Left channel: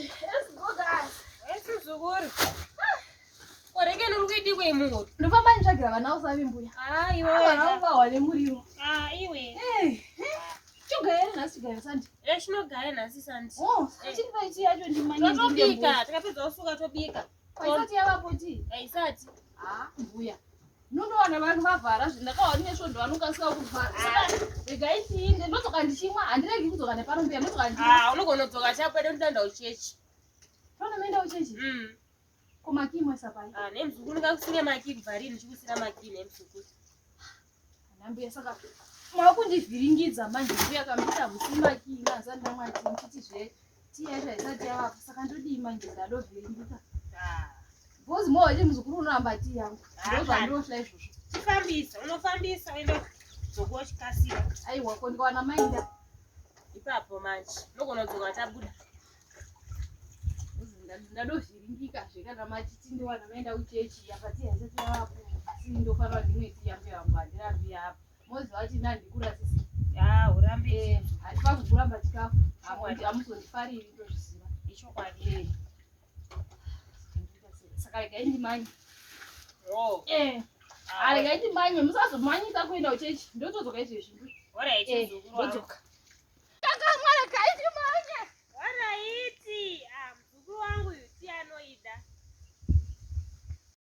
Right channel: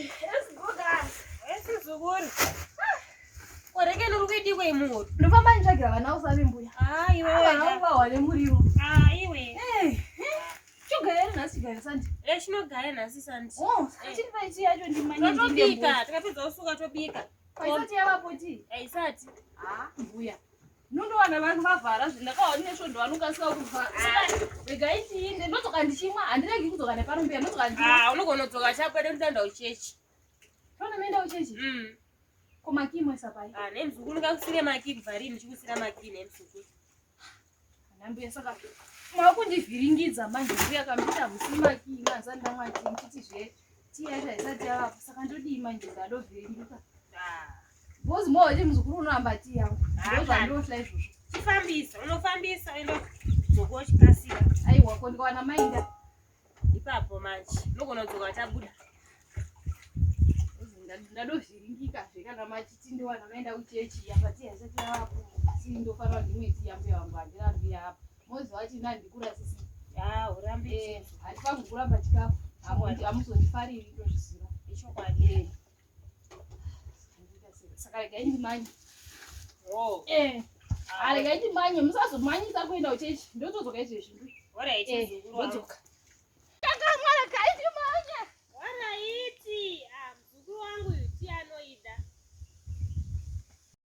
Esigoga. Esizukuru. Oreke nurikuiti kwemuru. Ndofamba nitsvagira vana usavi mbuya. Iwe. Vana vawane muriwo. Iwe. Chogara nhasi chigara sandi. Chinogara nhasi sandi. Chiripa ichi yacho ndimanye tobika, takapedza usuka tobika. Isati yavapo ti? Isati. Mbuya. Nondowana vanhu vavhara zvindakaona nesvondo vanokasika kuvhara. Regai tiinde ndodzoka ndichimwa handiregi kudzoka neparumbuya ndodzoka ndichimwa. Unogona kudzoka chapwede unoenda uchechi. Tona menda uchechi? Komaki mwesa pai. Nemzukuru ndikakusire maki kubvarini ndichikusira maki nemzukuru. Mbuya saka makundivhiringidza manje mbuya kamita musimaki ngazanda mwati nditi zve tiyaita isati yavapo saka ndodii manje ndadovhiringika. Bozi moje mzukuru unohamba tii yangu. Ndozvandohla izvozvo. Chifambisa, unofambisa uende dzokuwa chikasira. Aiwa ko ndikawana mainda. Ipapo manje. Unogona kudzoka tabuda. Ndadovhiringika zvekana machiti ndiwana maenda uchechi yapati yasati yavapo. Sindofanira ndimweti yambe yangu handirambi apa. Mozi vati ndandikura sisi. Urambe. Hatifaniri kuramba chikafu. Hamuzondifariri ndozviziva. Ichokwadi. Saka regai ndimanye. Regai ndimanye musazomanyisa kuenda uchechi. Ndotodzoka izvezvi. Alright, mzukuru.